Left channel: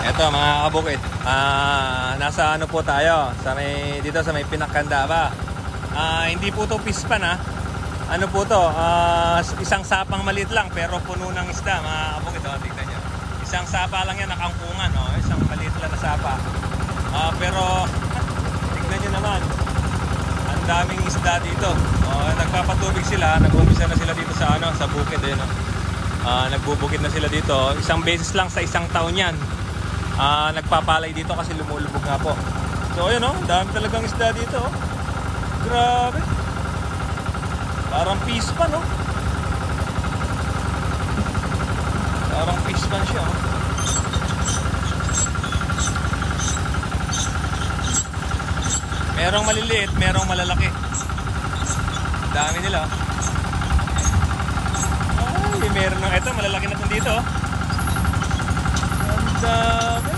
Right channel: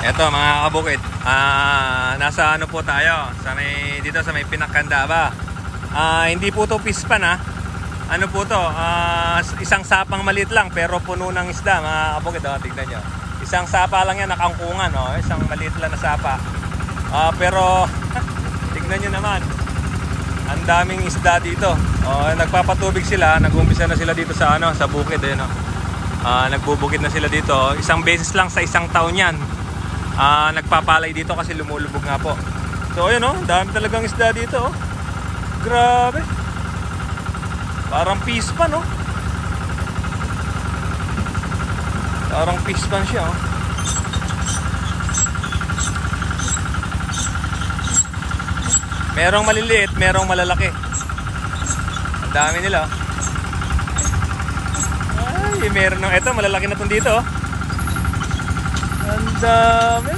Eto mga kabukid, nasa ano po tayo, dito sa may Pinakanda ba? Hindi po to pispan ha. Ano po to, isang sapang maliit lang pero puno ng isda mga kabukid. Tignan nyo, isang sapa lang yan, nakangkungan, isang maliit lang na sapa. Pero tignan nyo naman, ang daming isda dito. Nagpapatubig sila, nag-umpisa na sila dito sa sa bukid. Nagbubukid na sila dito, isang beses lang sa isang taon yan. Nagpapalay dito kasi lumulubog nga po. So ayun dami talagang isda dito. Grabe. Parang pispan Parang pispan siya Merong maliliit, merong malalaki. Ang dami nila Ay, meron ito, malalaki na itong dito Ang dami.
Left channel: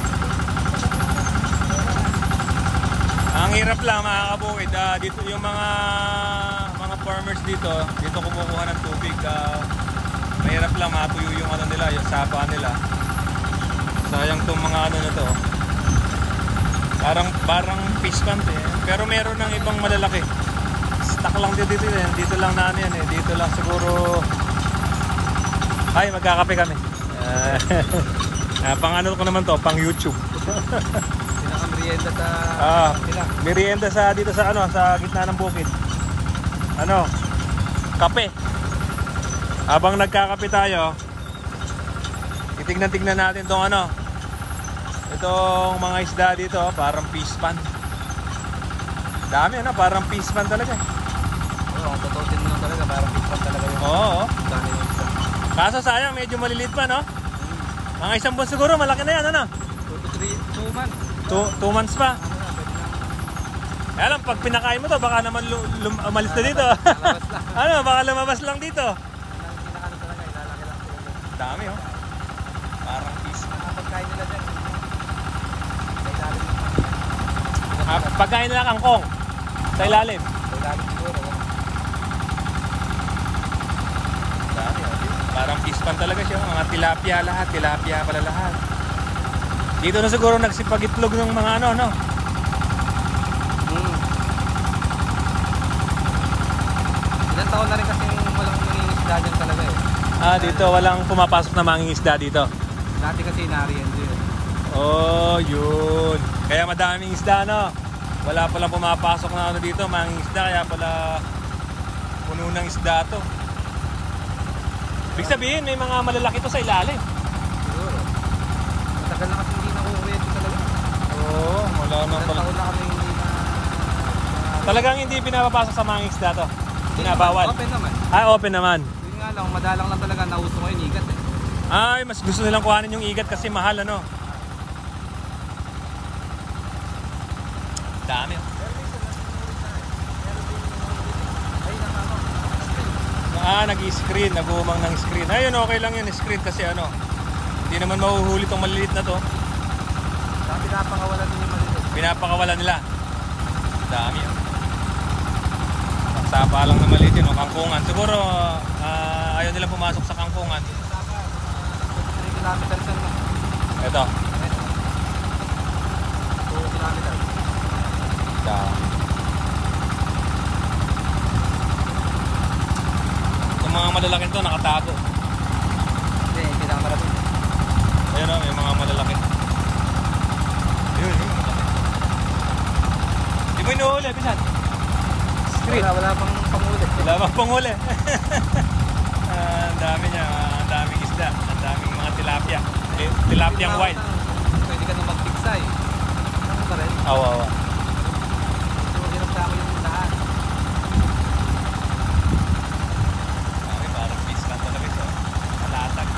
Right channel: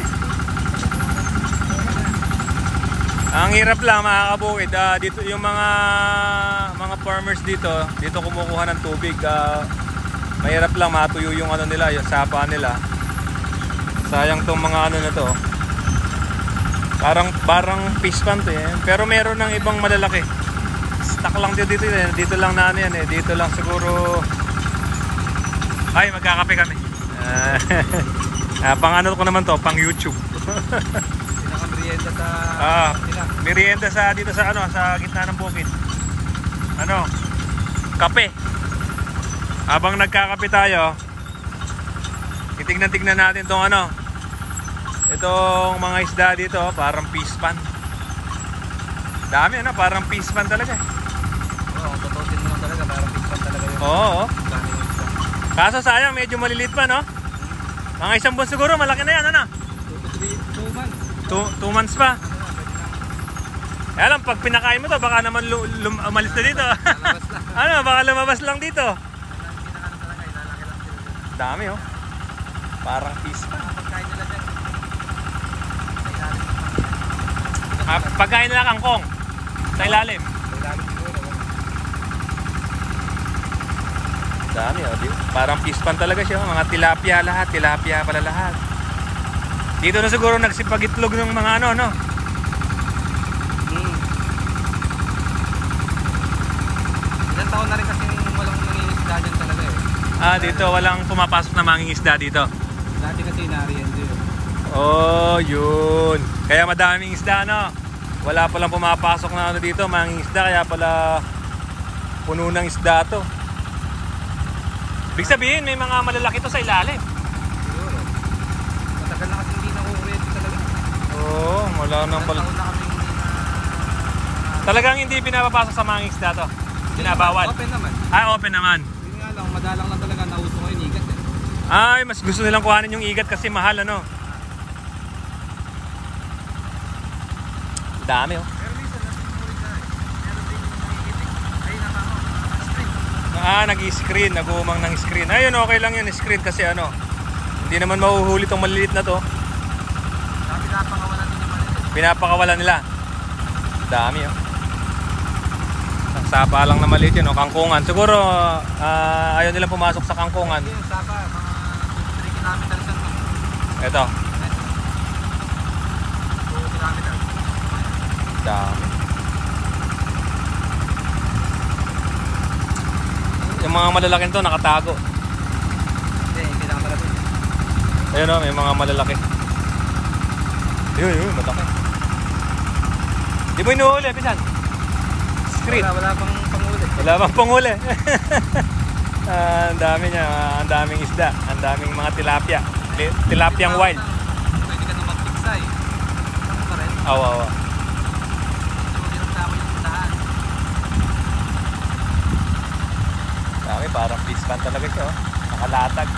Ang hirap lang mga kabukid, dito yung mga farmers dito kumukuha ng tubig. Mahirap lang matuyo yung nila, yung sapa nila. Sayang tong mga na to. Parang fish pan to pero meron ng ibang malalaki. Stuck lang dito lang na yan dito lang siguro. Ay, magkakape kami. Pang ano ko naman to, pang YouTube. Merienda dito sa sa gitna ng bukid. Kape. Habang nagkakape tayo, titignan natin tong itong mga isda dito, parang fish pan. Dami parang fish pan talaga. Oo. Kaso sayang, medyo maliliit pa Mga isang buwan siguro, malaki na yan 2 months. 2 months pa. Kaya lang, pag pinakain mo to, baka naman umalis na dito. Baka lumabas lang dito. Dami parang fish pa. Pagkain nila kangkong sa ilalim. Dami parang fish pan talaga siya. Mga tilapia lahat, tilapia pala lahat. Dito na siguro nagsipag-itlog ng mga Ilang taon na rin kasi walang mangingisda dyan talaga dito walang pumapasok na mangingisda dito. Dati kasi nariyan dyan. Yun. Kaya madaming isda Wala palang pumapasok na dito mangingisda, kaya pala puno ng isda to. Ibig sabihin may mga malalaki to sa ilalim. Matagal na kasi hindi nakukuwede talaga. Wala nang pala. Talagang hindi pinapapasok sa mga isda to. Binabawal. Open naman. Open naman. Yun nga lang, madalang lang talaga nauso ngayon igat. Mas gusto nilang kuhanin yung igat kasi mahal Dami Pero minsan meron din nangigitik. Ay nakama, screen. Nag-i-screen, nag-uumang ng screen. Ayun, okay lang yun, screen kasi hindi naman mahuhuli tong maliliit na to. Pinapakawalan din yung maliliit. Pinapakawalan nila. Dami Ang sapa lang na maliit yun, kangkungan. Siguro ayaw nilang pumasok sa kangkungan. Yung sapa, mga 3 kilometers Ito. 2 kilometers. Dami. Yung mga malalaking to nakatago. Hindi, pinakamalapit. Ayun may mga malalaki. Yun, mataki. Di mo inuhuli, Pisan? Screen. Wala pang panghuli. Wala pang panghuli. Ang dami niya, ang daming isda, ang daming mga tilapia. Tilapiang wild. Pwede ka na magpiksa Ano ba rin? Awa. Dami, parang fish pan talaga siya. Nakalatag.